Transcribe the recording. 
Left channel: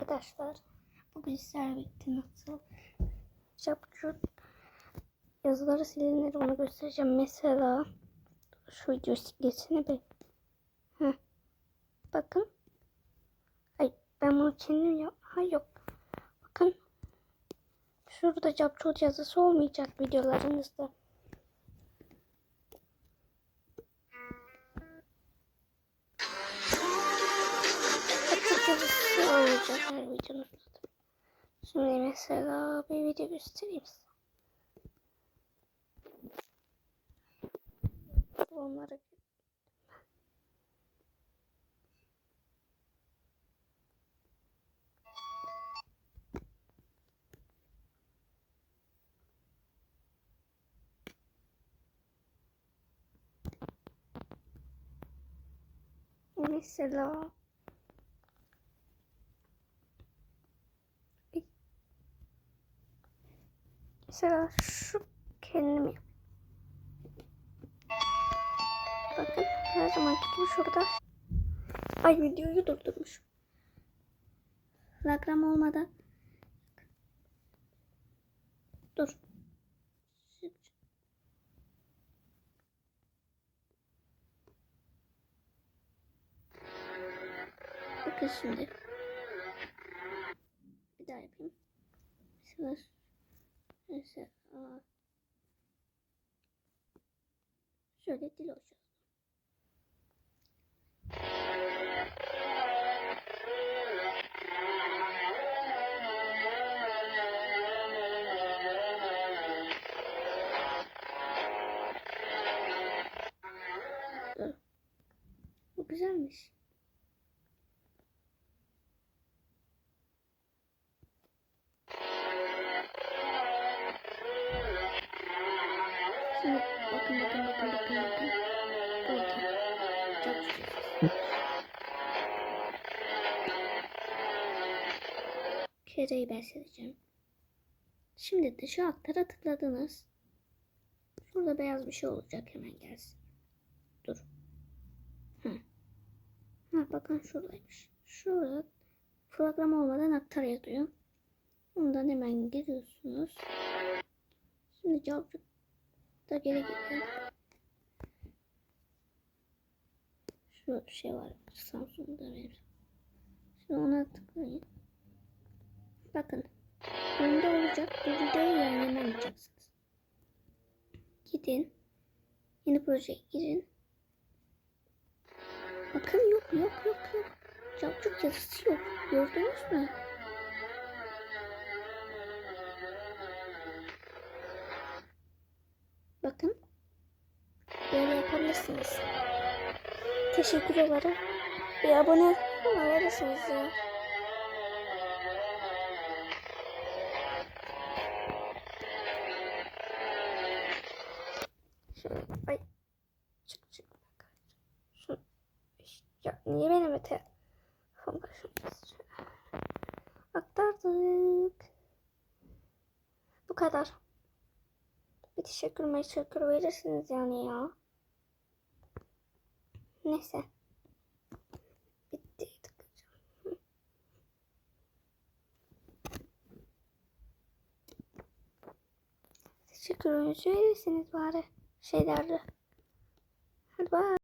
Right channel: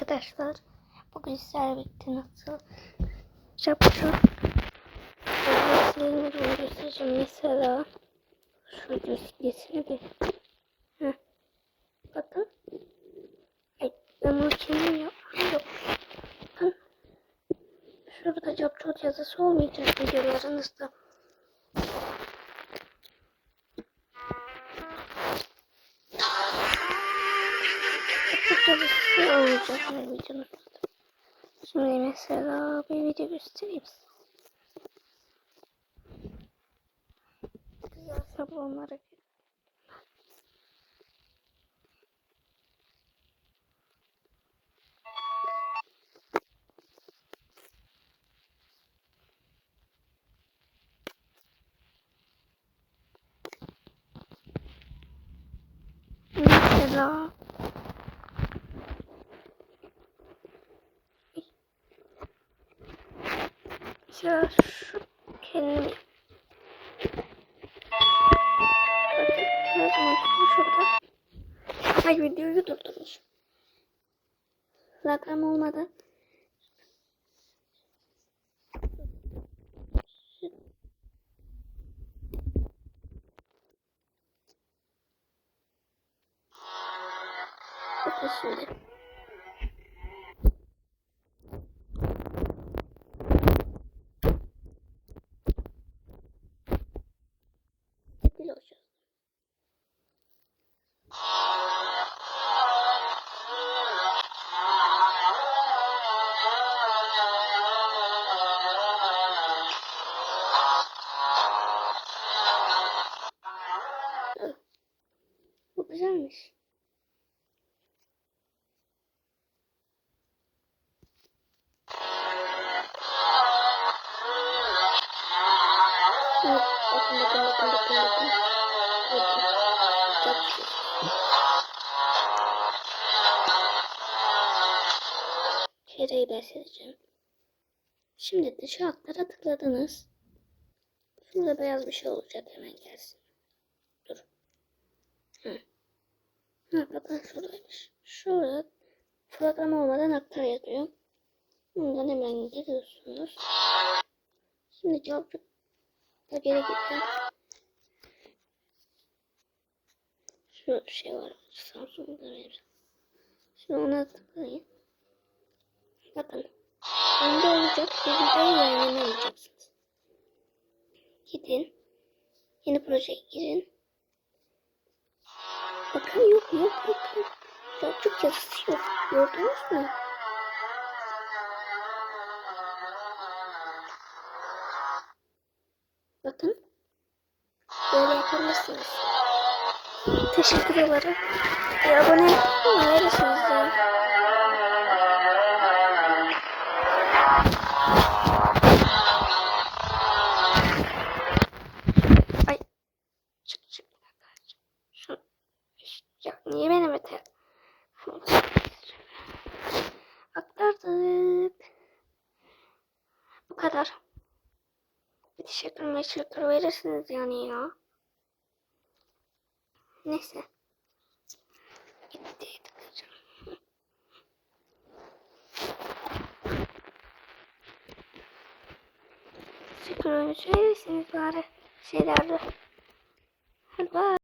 arkadaşlar. Bugün sizlerle birlikte nasıl yapacağım. Böyle silinir onu göstereceğim. Mesela şu video silgesini bir. Heh. Bakın. Ay ben bunu kendim. Ha, Yok. Bakın. Şurada capçot yazısı olmayacak videolarınızda. Yazısı olmayacak her videonuzda. Şimdi mesela bir video göstereyim size. Güzel şablonlara gir. Mesela Mesela şu kendim Bakın her zaman gibi şurada. Ay videoyu durdurmuş. Reklam olmadan. Dur. Bakın şimdi Bir daha yapayım Şöyle Mesela aa. Şöyle dil olacağız. Dur. Bu güzelmiş. Şimdi bakın bakın bakın bakın bakın. Bakın. Çok güzel. Kereyi ben sileceğim. Şimdi dışa aktara tıkladınız. Şurada beyaz bir şey olacak hemen gelsin. Dur. Hı. Ha bakın şuradaymış. Şurada program olmadan aktar yazıyor. Bundan hemen giriyorsunuz. Şimdi cevap da geri. Şurada bir şey var. Samsung'da verir. Şimdi ona tıklayın. Bakın. Önde olacak. Bu videoyu yayınlamayacaksınız. Gidin. Yeni projeye girin. Bakın yok yok yok yok. Yapacak yazısı yok. Gördünüz mü? Bakın. Böyle yapabilirsiniz. Teşekkür ederim. Bir abone olabilirsiniz ya. Ay. Çık çık. Şu. Ya niye benim öte? Aktardık. Bu kadar. Bir teşekkür meşekkür verirsiniz yani ya. Neyse. Gitti. Teşekkür verirsiniz bari şeylerde. Hadi bye.